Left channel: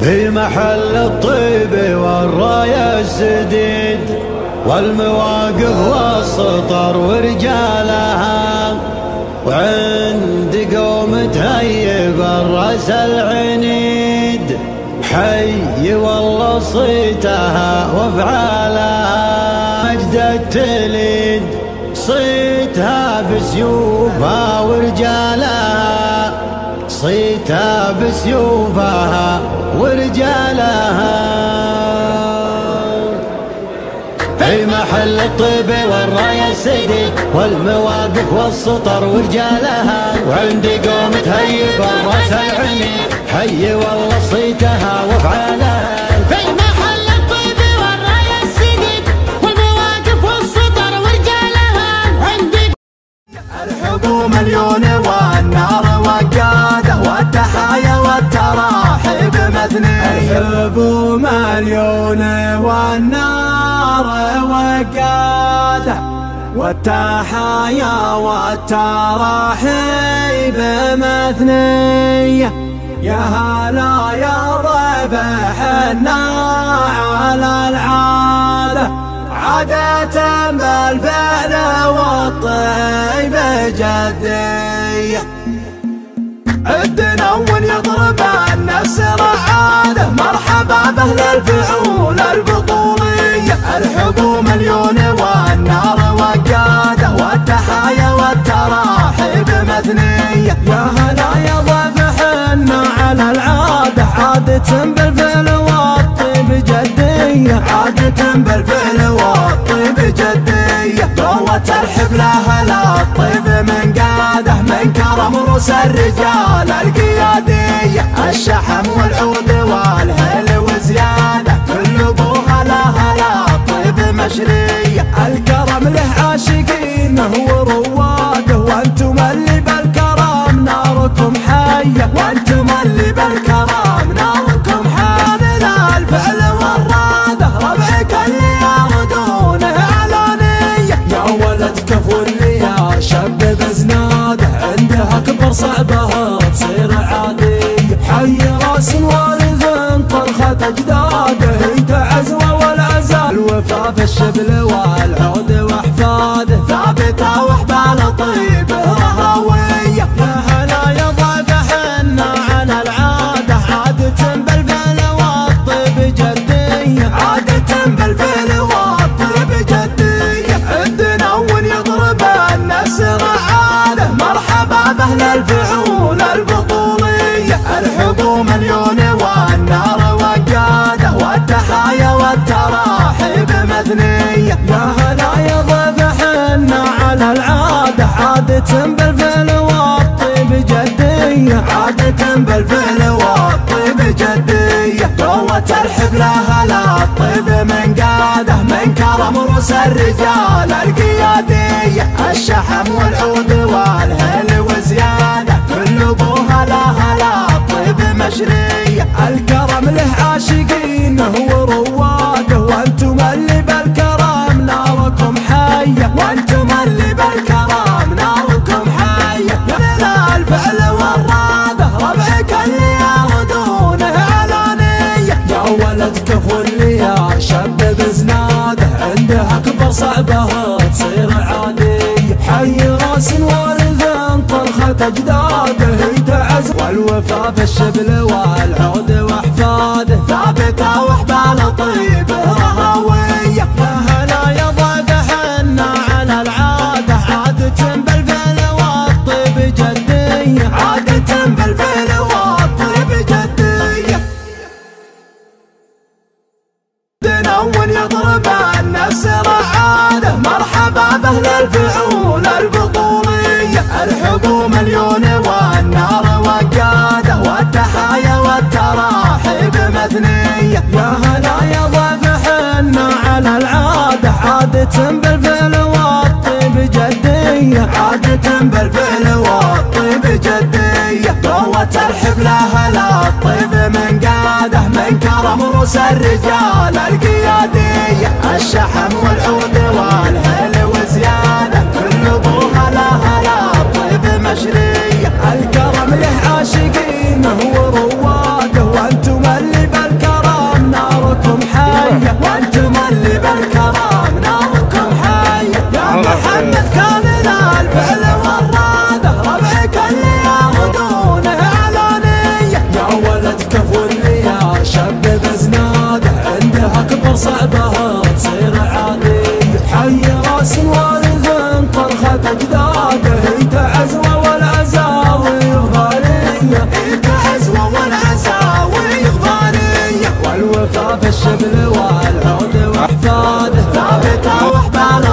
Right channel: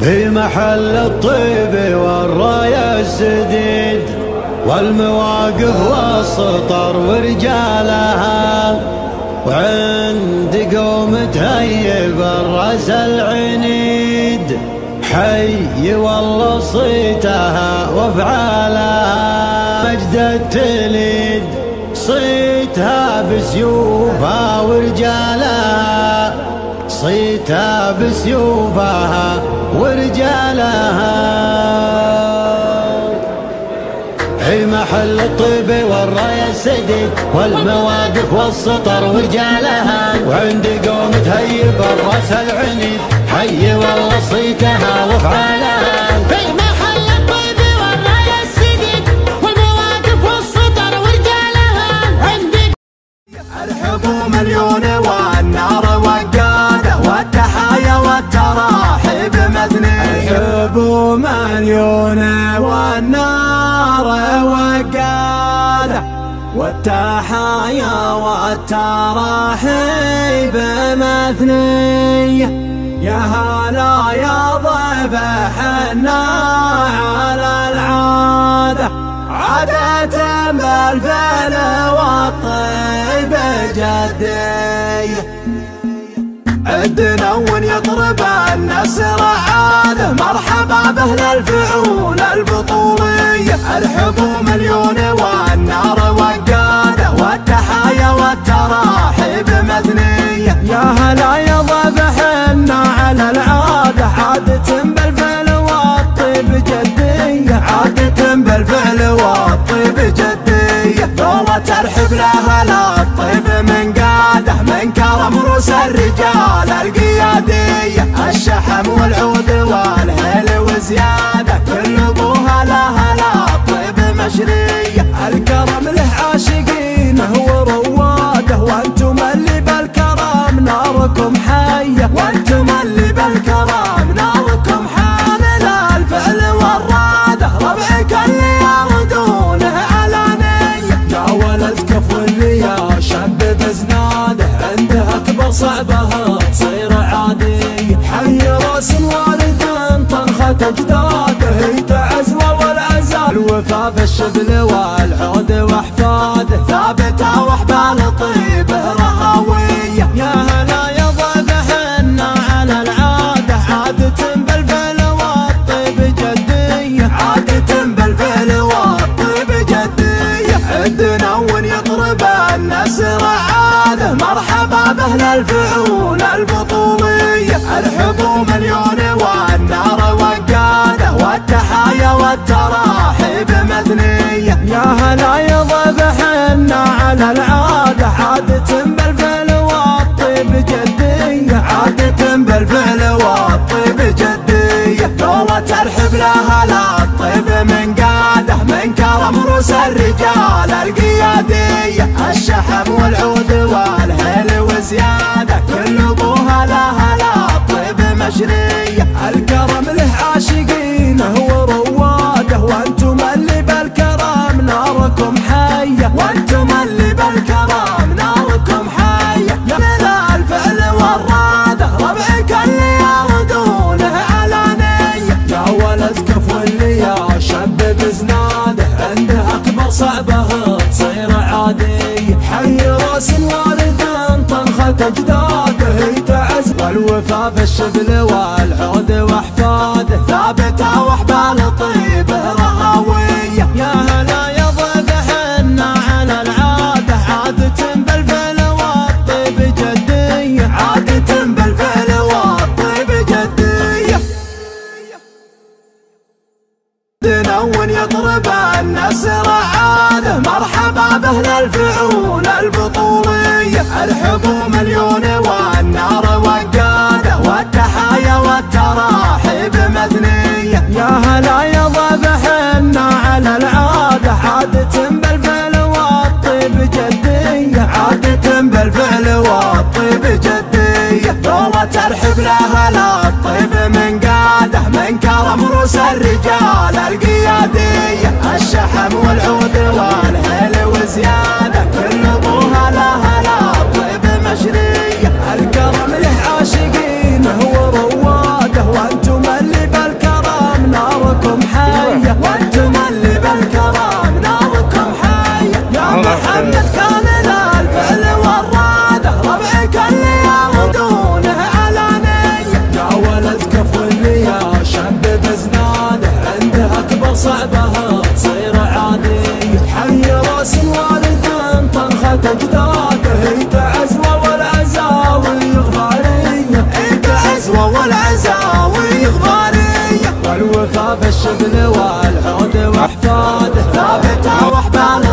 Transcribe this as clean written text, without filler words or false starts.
في محل الطيب والراية السديد والمواقف والسطر ورجالها، وعند قوم تهيب الراس العنيد حي والله صيتها وافعالها. مجد التليد صيتها بسيوفها ورجالها، صيتها بسيوفها ورجالها. في محل الطيب والراية السديد والمواقف والسطر ورجالها، وعند قوم تهيب الراس العنيد حي والله صيتها وافعالها. في محل الطيب والراية السديد والمواقف والسطر ورجالها، عندي الحب مليون والنار وقاده والتحايا والتراحيب مثنية. الحب مليون والنار وقاده والتحايا والتراحيب مثنية. يا هلا يا ضيف حنا على العادة، عادة بالفعل والطيب جدية. عدنا يضرب النسر عاده، مرحبا باهل الفعول البطولية. الحب مليون والنار وقاده والتحايا والتراحيب مثنية. يا هلا يا ضيف حنا على العادة، عادة بالفعل والطيب جدية، عادة بالفعل والطيب جدية. دولة الحبل هلا الطيب من قاده، من كرم رؤوس الرجال القيادية. الشحم والعود والهيل وزيادة، كل ابوها لها الطيب مشرية. الكرم له عاشقينه ورواده، وانتم اللي بالكرم ناركم حية، وانتم اللي بالكرم ناركم حية. من الفعل والرادة ربعك اللي يردونه علانية. يا ولد كفو اللي يا شب بزناده، عنده اكبر صعبها تصير عادية. حي راس والد طرخة اجداده، تعزوه والعزاء الوفا في الشبل والعود واحفاده. ثابته واحبال طيب رهاوية. يا هلا يا ضيف حنا على العادة، عادة بالفعل والطيب جدية، عادة بالفعل والطيب جدية. عندنا يضرب النسر عاده، مرحبا باهل الفعول البطولية. الحب مليون والنار وقاده والتحايا والتراحيب مثنية. يا هلا يا ضيف حنا على العادة، عادة بالفعل والطيب جدية، عادة بالفعل والطيب جدية. دولة الحبل هلا الطيب من قاده، من كرم رؤوس الرجال القيادية. الشحم والعود والهيل وزيادة، كل ابوها لها الطيب مشرية. الكرم له عاشقينه ورواده، وانتم اللي بالكرم ناركم حية، وانتم اللي بالكرم ناركم حية. من الفعل والرادة ربعك اللي يردونه علانية. يا ولد كفو اللي يا شب بزناده، عنده اكبر صعبها تصير عادية. حي راس والد طرخة اجداده، تعز والوفا في الشبل والعود واحفاده. ثابته واحبال طيب رهاوية. يا هلا يا ضيف حنا على العادة، عادة بالفعل والطيب جدية، عادة بالفعل والطيب جدية. دنون يضرب النسر عاده، مرحبا باهل الفعول البطولية. الحب مليون والنار وقاده والتحايا والتراحيب مثنية. يا هلا يا ضيف حنا على العادة، عادة بالفعل والطيب جدية، عادة بالفعل والطيب جدية. دولة الحبل هلا الطيب من قاده، من كرم رؤوس الرجال القيادية. الشحم والعود والهيل وزيادة، كل ابوها لها الطيب مشرية. الكرم له عاشقينه ورواده، وانتم اللي بالكرم ناركم حية، وانتم اللي بالكرم ناركم حية. يا محمد كان ذا الفعل والرادة ربعك اللي ياخذونه علانية. يا ولد كفو اللي يا شب بزناده عنده اكبر صعبها تصير عادية. حي راس الوالد طرخة اجداده انت عزوة والعزاوي غالية، انت عزوة والعزاوي غالية. والوفا في الشبل والعود واحفاده ثابته واحباله